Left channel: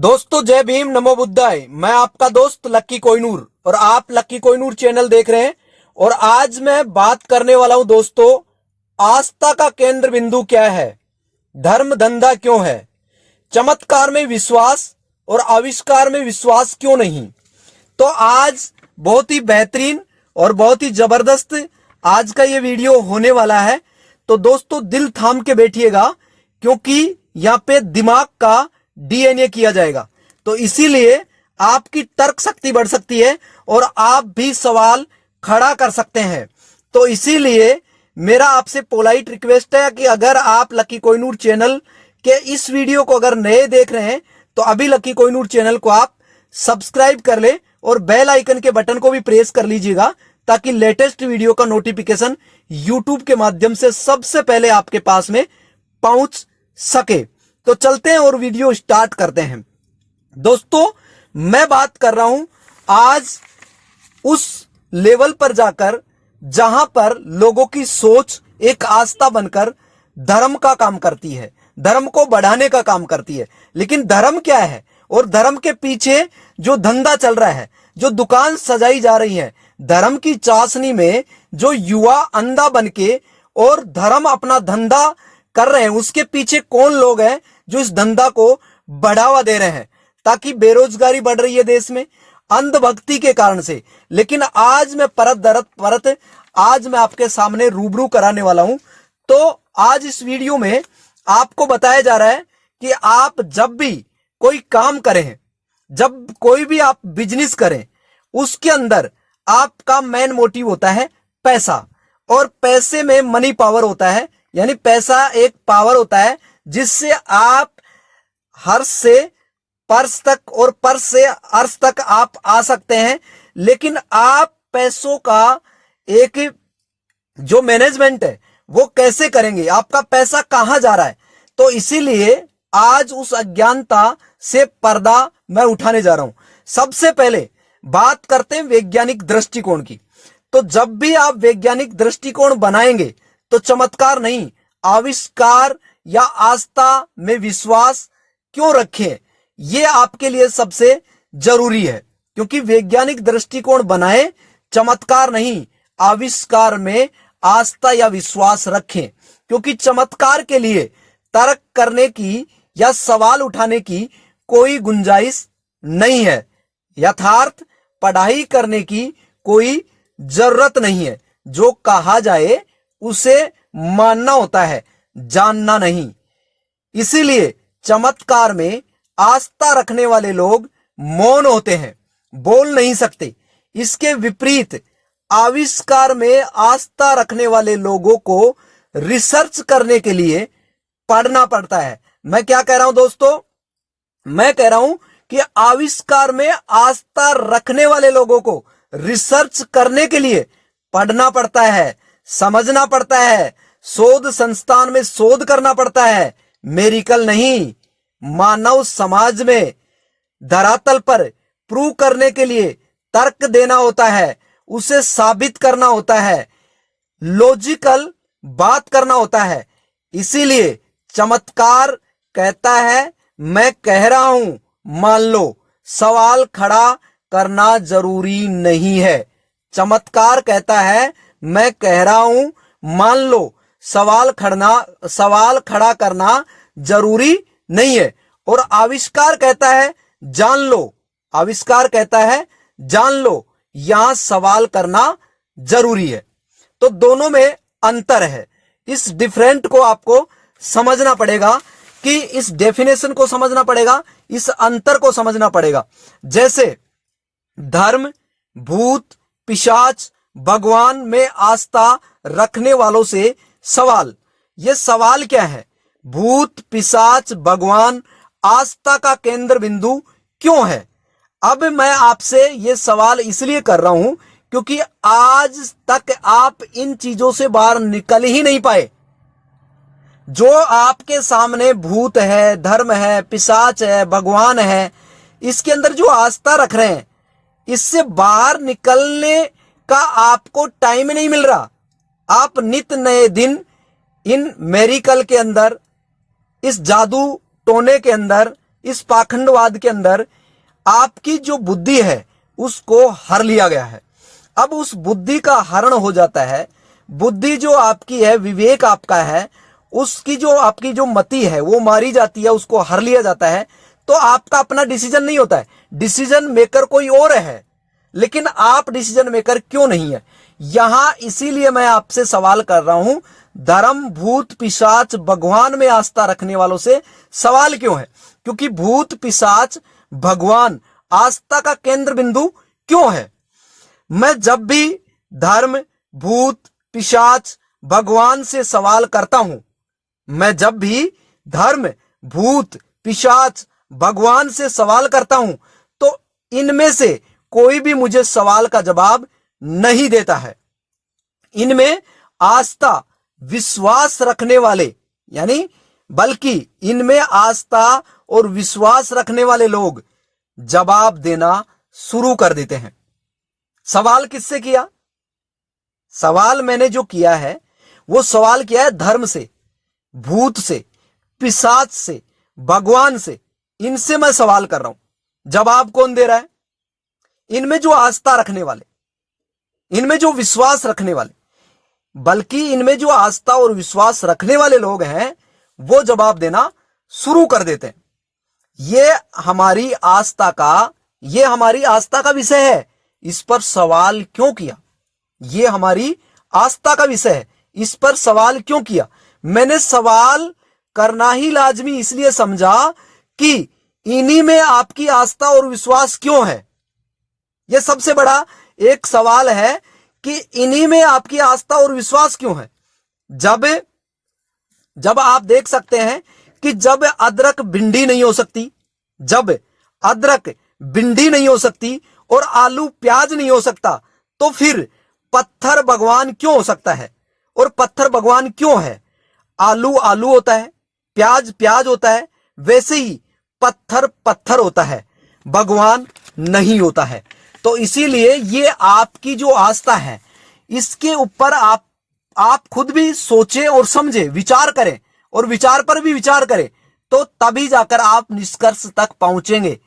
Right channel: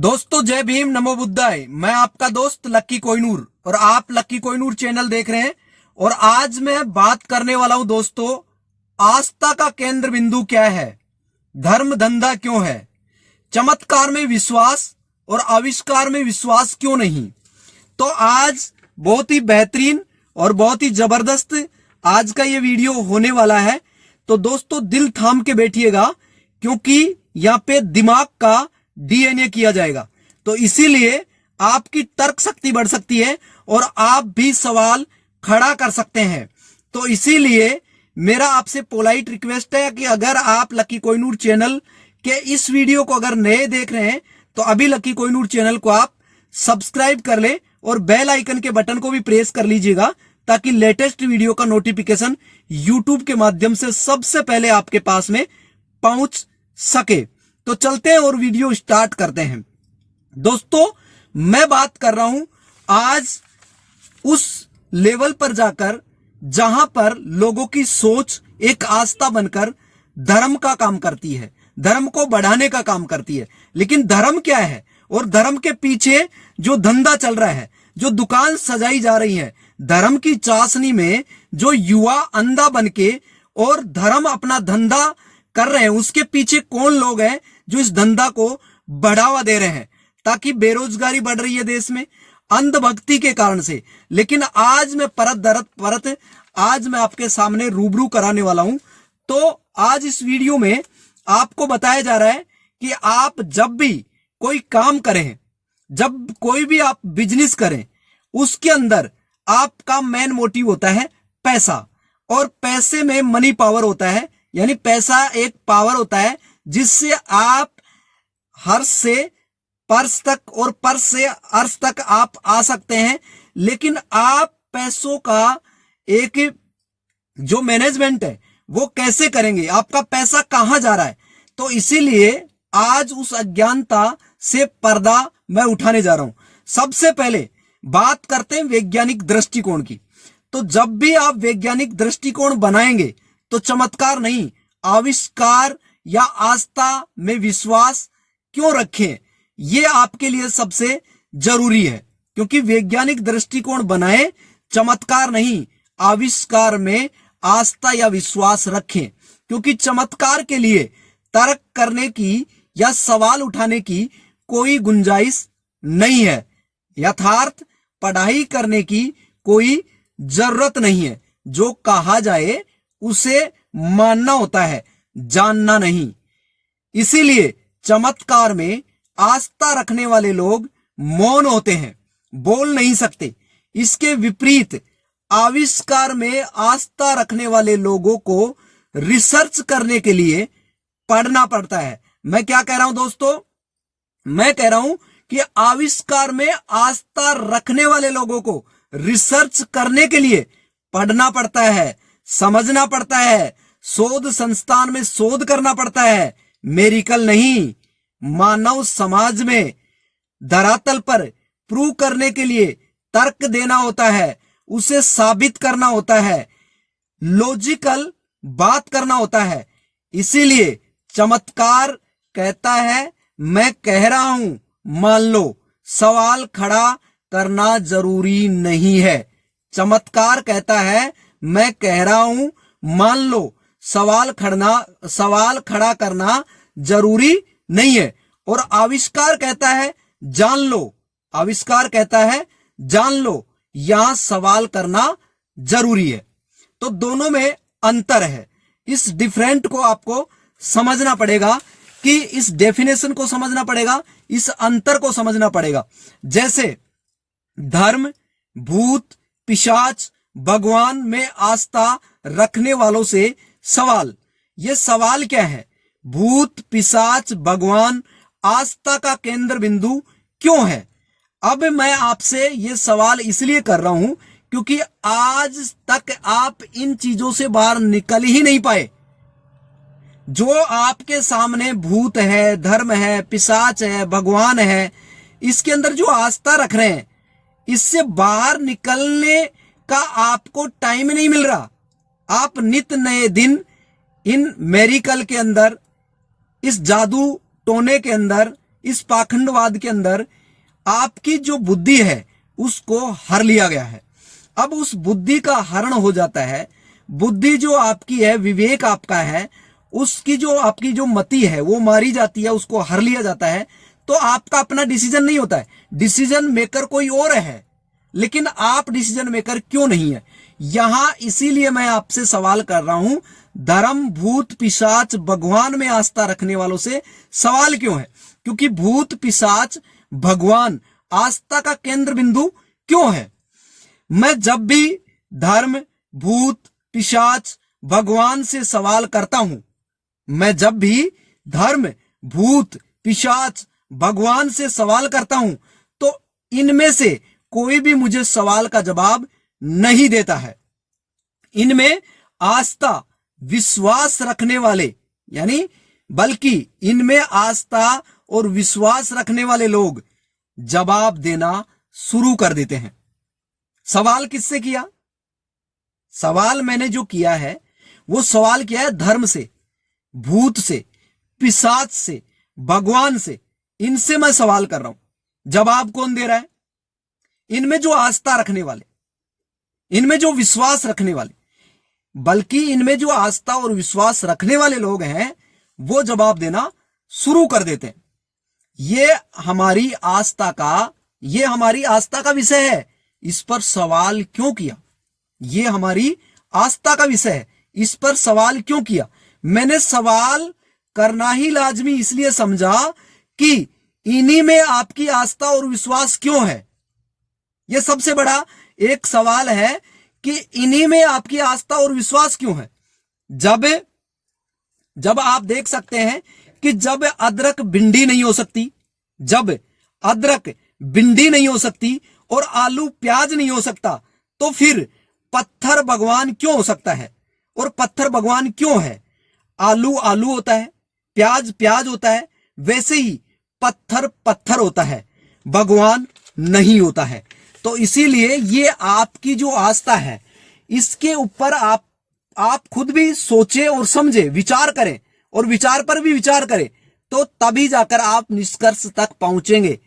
दोस्तों जय भीम, नमो बुद्धाय। मैं आपका दोस्त लक्की कोहिनूर और आप लक्की कोहिनूर चैनल देख रहे हैं। और आज मैं बात करने वाला हूं दोस्तों, आस्था का केंद्र बिंदु क्या है, धर्म धंधा क्यों है, चमत्कार में विश्वास और आविष्कार में विश्वास क्यों नहीं। तो आज बहुत ही बेहतरीन और बहुत ही जबरदस्त आज का ये वीडियो होने वाला है। तो दोस्तों दिल थाम के बैठिएगा, क्योंकि यहाँ पे दिमाग का डीएनए किया जाएगा। तो इसीलिए आपकी तर्क शक्ति बढ़ सकती है और आप भी सवाल खड़ा कर सकते हैं। तो इसीलिए मेरा आपसे पोलाइट रिक्वेस्ट है कि अगर आप लक्की कोहिनूर चैनल के इस वीडियो को अगर नए देख रहे हैं तो अभी लक्की कोहिनूर चैनल को आप सब्सक्राइब कर ले और बेल आइकन के बटन को भी प्रेस कर लीजिएगा, ताकि लेटेस्ट वीडियो का नोटिफिकेशन यूट्यूब के माध्यम से सबसे पहले आपके पास में पहुंच सके। तो चलते हैं और वीडियो स्टार्ट करते हैं। दोस्तों मैं बात कर रहा हूं आज उस लेवल पर जाकर जहां पर लोगों की सोच एक आस्था बनकर धर्म का काम करती है, धर्म को बढ़ाने का काम करती है। लेकिन धर्म क्या है और धर्म के पीछे जो धंधा चल रहा है, जो दुकान सजाई जा रही है, धर्म की चाशनी में जो युवा अंधा बनके और धर्म अपना धंधा कर रहे हैं, उसके पीछे कौन लोग हैं जो इस धंधा को बढ़ावा दे रहे हैं, ताकि बेरोजगारी बढ़ रही है देश में अंधभक्ति के कारण से। लेकिन आज मैं परत आज मैं आपके सामने रूबरू कराने वाला हूं। तो आज इस वीडियो में आपको बताया जा रहा है कि आप जब भी कोई काम करें, जब कोई भी आप बिजनेस करें, उसके अंदर आपका मेन मोटिव होता है पैसा। और पैसे में मनी पावर होता है, यानी पैसा एक पावर होता है जिससे आप हर्ष से पर्स तक और पर्स से अर्श तक आप आ सकते हैं। लेकिन आप पैसों का एक जो मैनेजमेंट है वो कैसे करेंगे, आपका पैसा कहां जा रहा है। तो इसीलिए आज उस अज्ञानता से पर्दा मैं उठाने जा रहा हूं। सबसे पहले बात करते हैं वैज्ञानिक दृष्टिकोण की। तो जब भी आप वैज्ञानिक दृष्टिकोण बनाएंगे तो चमत्कार नहीं, आविष्कार या आस्था में विश्वास क्यों रखें, यह आपके लिए सबसे जरूरी है। क्योंकि वैज्ञानिक दृष्टिकोण बनाए, चमत्कार नहीं, आविष्कार में आस्था या विश्वास रखें। क्योंकि चमत्कार के लिए तर्क करने की या सवाल उठाने की कोई गुंजाइश नहीं है, यथार्थ पढ़ाई करने की कोई जरूरत नहीं है। जो कहा जाए उसे मानना होता है, जानना नहीं। इसीलिए चमत्कार में आस्था रखने वाले लोग मौन होते हैं, बोल नहीं सकते। इसके विपरीत आविष्कार में आस्था रखने वाले लोगों को रिसर्च करने के लिए पढ़ना पड़ता है। मैं क्या कह रहा हूं दोस्तों, मैं कह रहा हूं कि आविष्कार में आस्था रखने वाले लोगों को रिसर्च करने के लिए पढ़ना पड़ता है, समझना पड़ता है, शोध संस्थान में शोध करना पड़ता है, मेडिकल नहीं। मानव समाज में धरातल पर प्रूव करने के लिए तर्क देना होता है, उसे साबित करना होता है, लॉजिकल बात करना होता है। इसीलिए चमत्कार कहता है मैं कह रहा हूं मान लो, सवाल खड़ा करना जरूरी नहीं है। चमत्कार कहता है मैं कह रहा हूं मान लो, सवाल खड़ा करना जरूरी नहीं है। और आविष्कार कहता है जान लो, आविष्कार कहता है जान लो, यहां सवाल करना जरूरी है। तो दोनों में अंतर है। इस डिफरेंट को आपको समझना पड़ेगा, कि इस डेफिनेशन को समझना पड़ेगा, इस अंतर को समझना पड़ेगा। जैसे धर्म, भूत, पिशाच, भगवान में आस्था रखने वालों से सवाल, ये सवाल क्या है, भूत, पिशाच, भगवान आस्था का केंद्र बिंदु क्यों है। अब मैं आपसे ये सवाल इसलिए कर रहा हूं क्योंकि आज तक आप इन चीजों से बाहर निकल ही नहीं पाए। जो आपके सामने भूत है, धर्म है, पिशाच है, भगवान है, इसके अंदर जो आस्था रख रहे हैं, इससे बाहर निकलने का आपको टाइम नहीं मिल रहा। आप नित नए दिन इन मेरिकल के अंदर, इस जादू टोने के अंदर, इस पाखंडवाद के अंदर आपकी जो बुद्धि है उसको हर लिया गया है। अब उस बुद्धि का हरण हो जाता है। बुद्धि जो आपकी है, विवेक आपका है, उसकी जो आपकी जो मति है वो मारी जाती है, उसको हर लिया जाता है। तो आपका अपना डिसीजन नहीं होता है, डिसीजन मेकर कोई और है, लेकिन आप डिसीजन मेकर क्यों नहीं है? यहां इसीलिए मैं आपसे सवाल कर रहा हूं, धर्म, भूत, पिशाच, भगवान में आस्था रखने वालों से सवाल क्यों है? क्योंकि भूत, पिशाच, भगवान आस्था का केंद्र बिंदु क्यों है? मैं जब भी धर्म, भूत, पिशाच, भगवान से सवाल करता हूं, मैं जब भी धर्म, भूत, पिशाच, भगवान से सवाल करता हूं, तो इनमें से कोई भी मुझे सवाल का जवाब नहीं देता है। इनमें आस्था, विश्वास रखने वाले, यानी बल्कि इनमें आस्था और विश्वास रखने वाले लोग जवाब देना शुरू कर देते हैं। सवाल किससे किया? सवाल मैंने जो किया है वो सवाल किया है धर्म से, भूत से, पिशाच से, भगवान से। इनसे मैं सवाल कर रहा हूं। जवाब कौन दे रहा है? इनमें जो आस्था रखने वाले, इनमें जो विश्वास रखने वाले, बल्कि इनमें जो आस्था और विश्वास रखने वाले लोग हैं वो जवाब देना शुरू कर देते हैं। ये हमारी आस्था का विषय है। इस पर सवाल क्यों किया? ये हमारी आस्था का विषय है, इस पर सवाल क्यों किया? मैंने सवाल करना ही लाजमी इसलिए समझा कि इन्हीं में आपकी आस्था और विश्वास क्यों है। यह सबसे बड़ा एक सवाल है कि इन्हीं में आपकी आस्था और विश्वास क्यों है। जब आप देख सकते हैं कि जब अदरक भिंडी नहीं हो सकती, जब अदरक भिंडी नहीं हो सकती और आलू प्याज नहीं हो सकता, तो फिर पत्थर भगवान क्यों हो सकता है? और पत्थर भगवान क्यों है? आलू आलू होता है, प्याज प्याज होता है, वैसे ही पत्थर पत्थर होता है, भगवान नहीं होता है। तो इसीलिए ये आपकी जो आस्था है इसके ऊपर आप खुद भी सोचें और समझें, विचार करें, और विचार पर भी विचार करें, तो तभी जाकर आप निष्कर्ष तक पहुंचेंगे।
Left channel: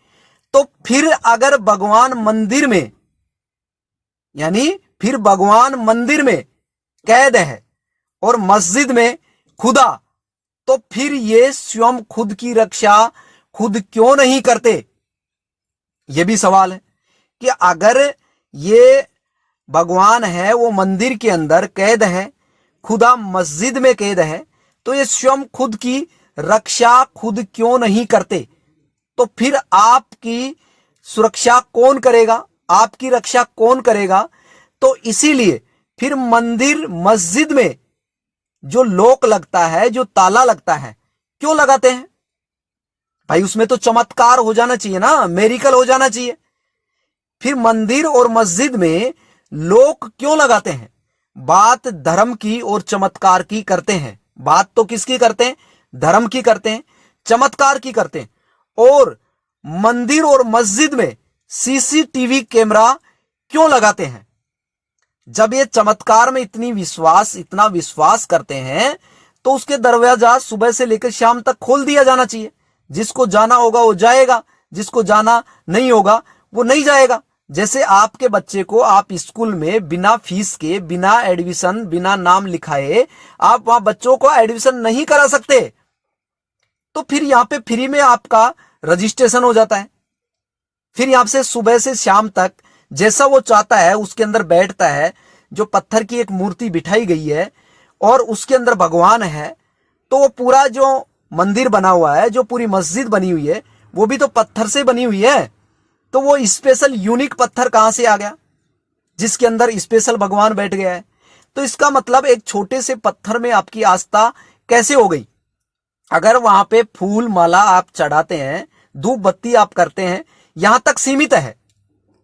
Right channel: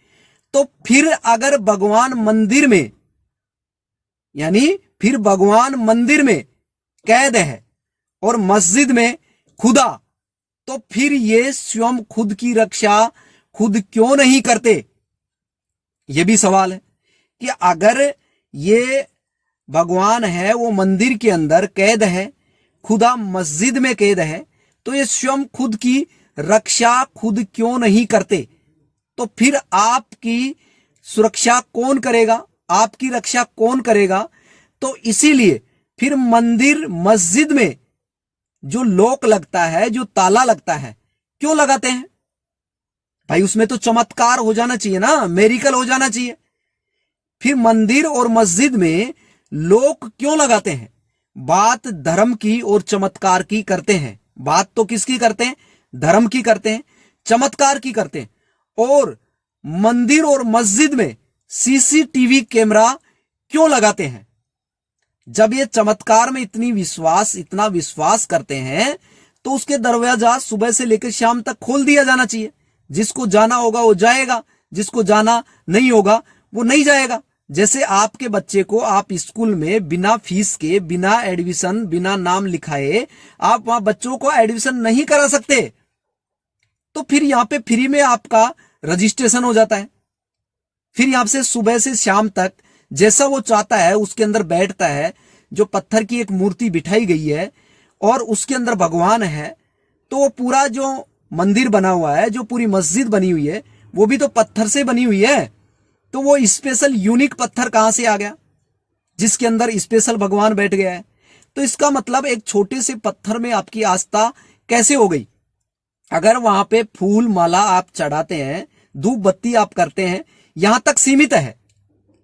तो फिर अगर भगवान मंदिर में, यानी फिर भगवान मंदिर में कैद है और मस्जिद में खुदा, तो फिर ये स्वयं खुद की रक्षा खुद क्यों नहीं करते? यह भी सवाल है कि अगर ये भगवान है वो मंदिर के अंदर कैद है, खुदा मस्जिद में कैद है, तो ये स्वयं खुद की रक्षा खुद क्यों नहीं करते? तो फिर आपकी सुरक्षा कौन करेगा? आपकी रक्षा कौन करेगा? तो इसीलिए फिर मंदिर, मस्जिद में जो लॉक लगता है, जो ताला लगता है, क्यों लगाते हैं भाई? उसमें तो चमत्कार हो जाना चाहिए ना, मेरिकल हो जाना चाहिए। फिर मंदिर और मस्जिद में लोग क्यों लगाते हैं? बात धर्म की और चमत्कार की करते हैं। बात तो किसकी करते हैं? धर्म की करते हैं, चमत्कार की करते हैं। और मंदिर और मस्जिद में सीसीटीवी कैमरा क्यों लगाते हैं? जब ये चमत्कार में इतना विश्वास करते हैं, तो उसके दरवाजा सुबह से लेकर शाम तक खोल दिया जाना चाहिए। जिसको जाना होगा वो जाएगा, जिसको जाना नहीं होगा वो नहीं जाएगा। जैसे आपके बच्चे को आप स्कूल में बिना फीस के, बिना एडमिशन, बिना नाम लिखाए आप वहां बच्चों को एडमिशन नहीं करा सकते, तो फिर यहां पे फ्री में आपका रजिस्ट्रेशन हो जाता है। फिर यहां से सुबह से शाम तक जैसा वो चाहता है उसके अंदर बैठता है। जो पत्थर की एक मूर्ति बिठाई गई है और उसके अंदर भगवान है, तो वो पूरा जो मंदिर बना हुआ है, जो पूरी मस्जिद बनी हुई है, वो भी तो पत्थर से बनी हुई है। तो वो स्पेशल यूनिक पत्थर कहां से आ गया जिसके अंदर स्पेशल भगवान बैठ गया है? तो इसका मतलब एक छोटे से पत्थर में आपकी आस्था कैसे हो गई? अगर वहां पे फूल माला आप चढ़ाते हैं, धूप बत्ती आप करते हैं, यहां तक सीमित है।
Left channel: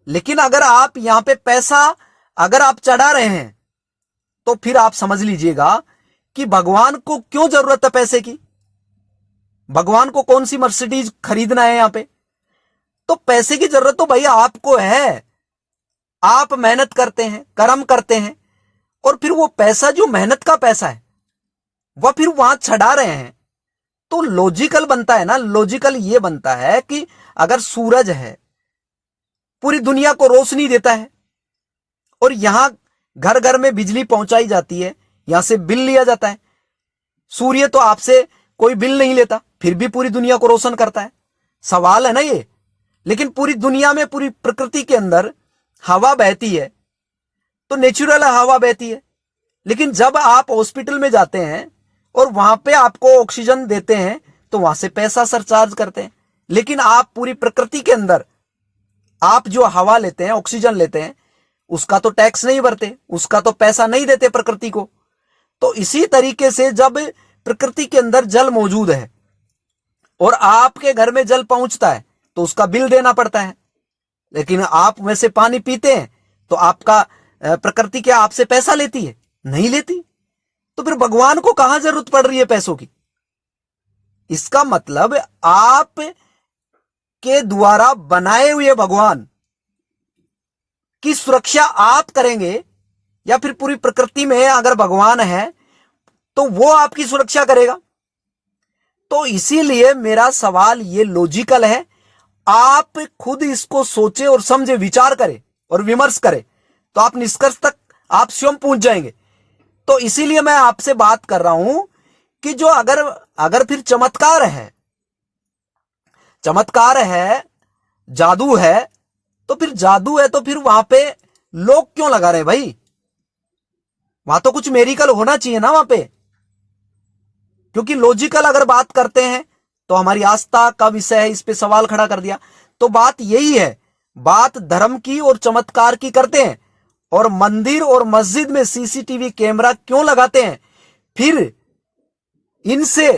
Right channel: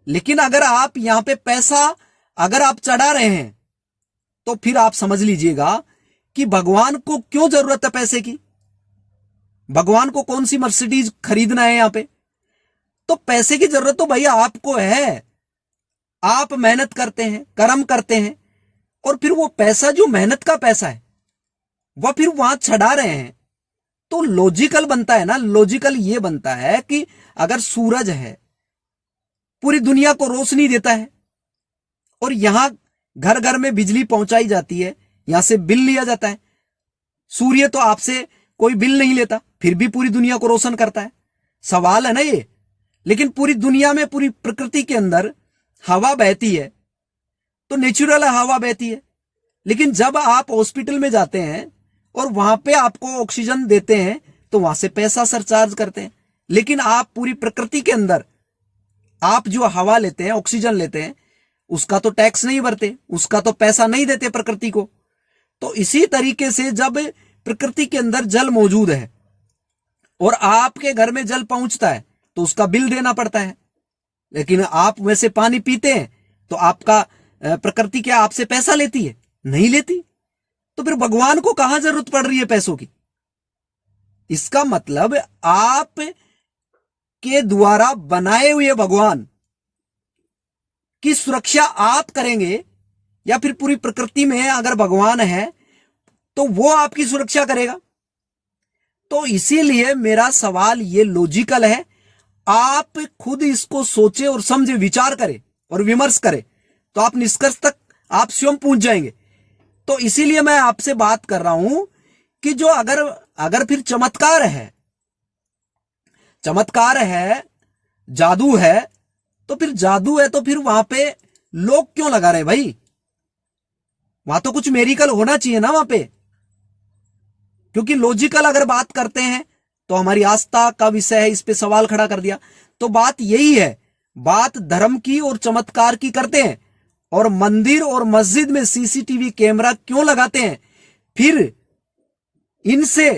लेकिन अगर आप यहां पे पैसा अगर आप चढ़ा रहे हैं, तो फिर आप समझ लीजिएगा कि भगवान को क्यों जरूरत है पैसे की? भगवान को कौन सी मर्सिडीज खरीदना है यहां पे? तो पैसे की जरूरत तो भैया आपको है। आप मेहनत करते हैं, कर्म करते हैं, और फिर वो पैसा जो मेहनत का पैसा है वह फिर वहां चढ़ा रहे हैं। तो लॉजिकल बनता है ना, लॉजिकल ये बनता है कि अगर सूरज है पूरी दुनिया को रोशनी देता है और यहां घर घर में बिजली पहुंचाई जाती है, यहां से बिल लिया जाता है, सूर्य तो आपसे कोई बिल नहीं लेता फिर भी पूरी दुनिया को रोशन करता है, सवाल है ना ये। लेकिन पूरी दुनिया में पूरी प्रकृति के अंदर हवा बहती है तो नेचुरल हवा बहती है, लेकिन जब आप हॉस्पिटल में जाते हैं और वहां पे आपको ऑक्सीजन देते हैं तो वहां से पैसा सरचार्ज करते हैं। लेकिन आप पूरी प्रकृति के अंदर आप जो हवा लेते हैं, ऑक्सीजन लेते हैं, उसका तो टैक्स नहीं भरते, उसका तो पैसा नहीं देते प्रकृति को। तो इसी तरीके से जब प्रकृति के अंदर जल मौजूद है और आपके घर में जल पहुंचता है तो उसका बिल देना पड़ता है, लेकिन आप वैसे पानी पीते हैं तो आपका प्रकृति क्या आपसे पैसा लेती है? नहीं लेती। तो फिर भगवान को कहां जरूरत पड़ रही है पैसों की? इसका मतलब आप के द्वारा बनाए हुए भगवान की सुरक्षा आप करेंगे या फिर पूरी प्रकृति में अगर भगवान है तो वो आपकी सुरक्षा करेगा। तो इसीलिए मेरा सवाल ये लॉजिकल है, आप खुद इसको सोचे और समझे, विचार करें और विमर्श करें तो आप निष्कर्ष तक आप स्वयं पहुंच जाएंगे। तो इसीलिए मैं आपसे बात कर रहा हूं कि जो अगर फिर चमत्कार है, जादू है, तो फिर वहां पे लोग क्यों लगा रहे हैं भाई? वहां तो कुछ मेरिकल होना चाहिए ना वहां पे। क्योंकि लॉजिकल अगर बात करते हैं तो हमारी आस्था का विषय है, इस पे सवाल खड़ा कर दिया। तो बात यही है, बात धर्म की और चमत्कार की करते हैं और मंदिर और मस्जिद में सीसीटीवी कैमरा क्यों लगाते हैं? फिर इनसे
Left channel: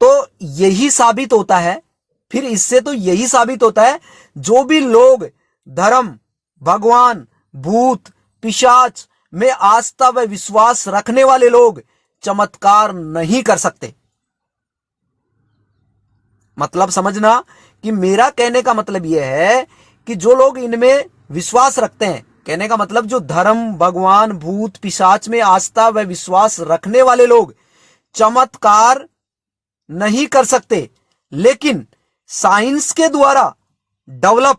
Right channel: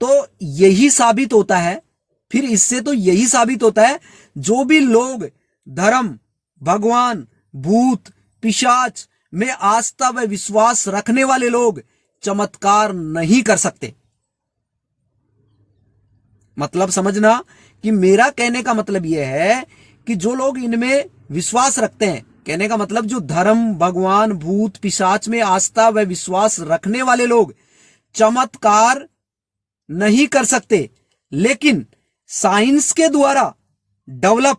तो यही साबित होता है, फिर इससे तो यही साबित होता है जो भी लोग धर्म, भगवान, भूत, पिशाच में आस्था व विश्वास रखने वाले लोग चमत्कार नहीं कर सकते। मतलब समझना कि मेरा कहने का मतलब यह है कि जो लोग इनमें विश्वास रखते हैं, कहने का मतलब जो धर्म, भगवान, भूत, पिशाच में आस्था व विश्वास रखने वाले लोग चमत्कार नहीं कर सकते, लेकिन साइंस के द्वारा डेवलप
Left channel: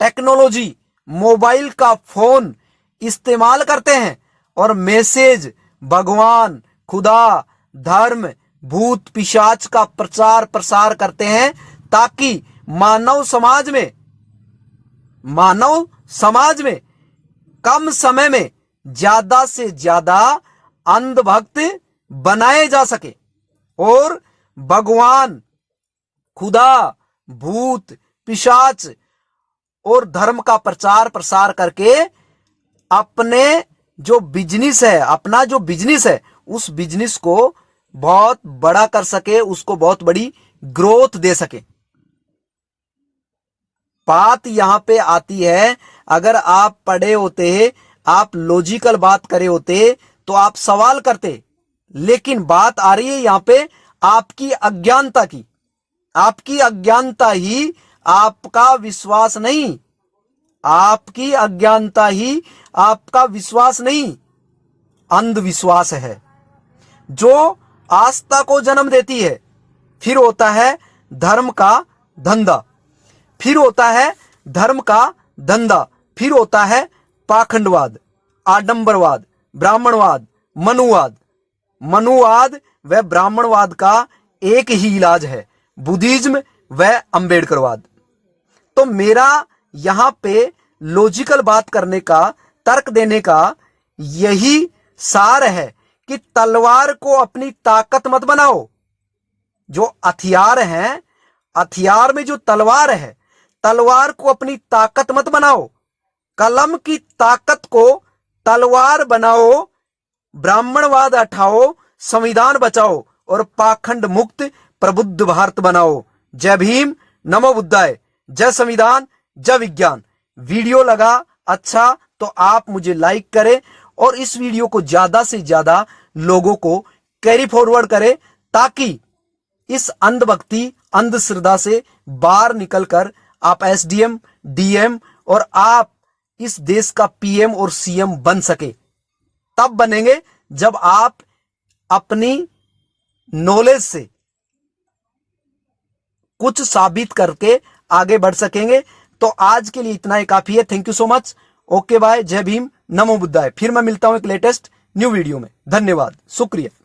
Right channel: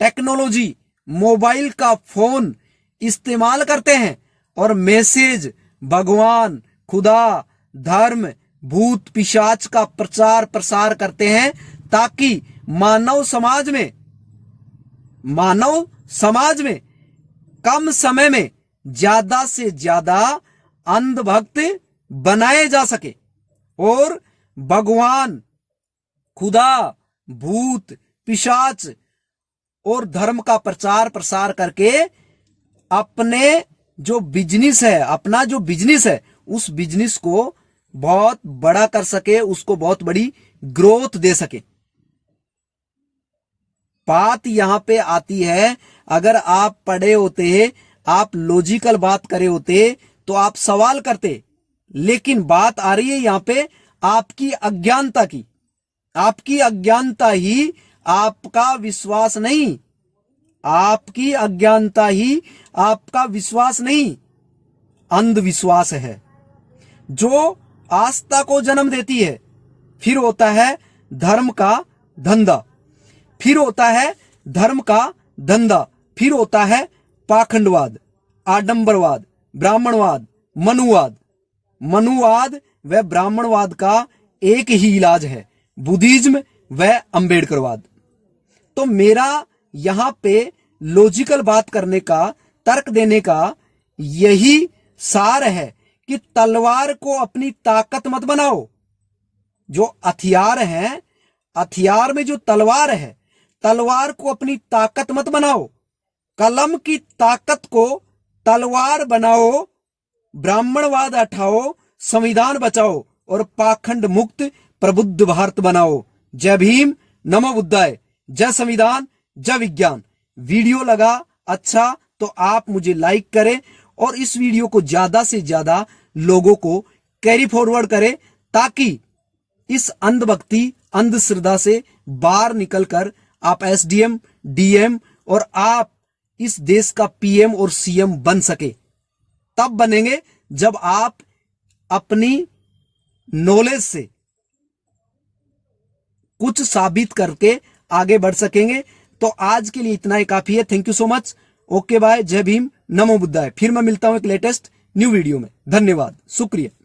टेक्नोलॉजी, मोबाइल का फोन इस्तेमाल करते हैं और मैसेज भगवान, खुदा, धर्म, भूत, पिशाच का प्रचार प्रसार करते हैं ताकि मानव समाज में कम समय में ज्यादा से ज्यादा अंधभक्त बनाए जा सके और भगवान, खुदा, भूत, पिशाच और धर्म का प्रचार प्रसार करके अपने जो बिजनेस है उस बिजनेस को बहुत बड़ा कर सके, उसको बहुत बड़ी ग्रोथ दे सके। बात यहां पे आती है, अगर आप पढ़े होते, आप लॉजिकल बात करे होते तो आप सवाल करते, लेकिन बात आ रही है यहां पे आपकी अज्ञानता की। आपकी अज्ञानता ही आपका विश्वास नहीं, आपकी अज्ञानता ही आपका विश्वास नहीं, अंधविश्वास है जो आस्था को जन्म देती है। फिर होता है धर्म का धंधा, फिर होता है पाखंडवाद, आडंबरवाद, ब्राह्मणवाद, मनुवाद व ब्राह्मणवाद का एक ही इलाज है, बुद्धिज्म व अंबेडकरवाद। तो मेरा यहां पे लॉजिकल बात करने का, तर्क देने का यही सार है कि तलवार को अपनी ताकत मत बनाओ। जो हथियार है, हथियार में जो तलवार है, तलवार को अपनी ताकत मत बनाओ, कलम की ताकत को तलवार बनाओ, ब्राह्मणवाद हटाओ, संविधान बचाओ और पाखंड मुक्त प्रबुद्ध भारत बनाओ। जय भीम, नमो बुद्धाय, जय संविधान, जय विज्ञान। वीडियो लगा अच्छा तो आप मुझे लाइक करें और इस वीडियो को ज्यादा से ज्यादा लोगों को कैरी फॉरवर्ड करें ताकि इस अंधभक्ति, अंधश्रद्धा से बाहर निकलकर आप एसडीएम, डीएम और आप इस देश का पीएम और सीएम बन सके। तब बनेंगे जब आप अपनी नॉलेज से, कुछ साबित करके आगे बढ़ सकेंगे। तो आज के लिए इतना ही काफी है। Thank you so much. Okay bye, जय भीम, नमो बुद्धाय। फिर मैं मिलता हूं एक लेटेस्ट न्यू वीडियो में। धन्यवाद, शुक्रिया।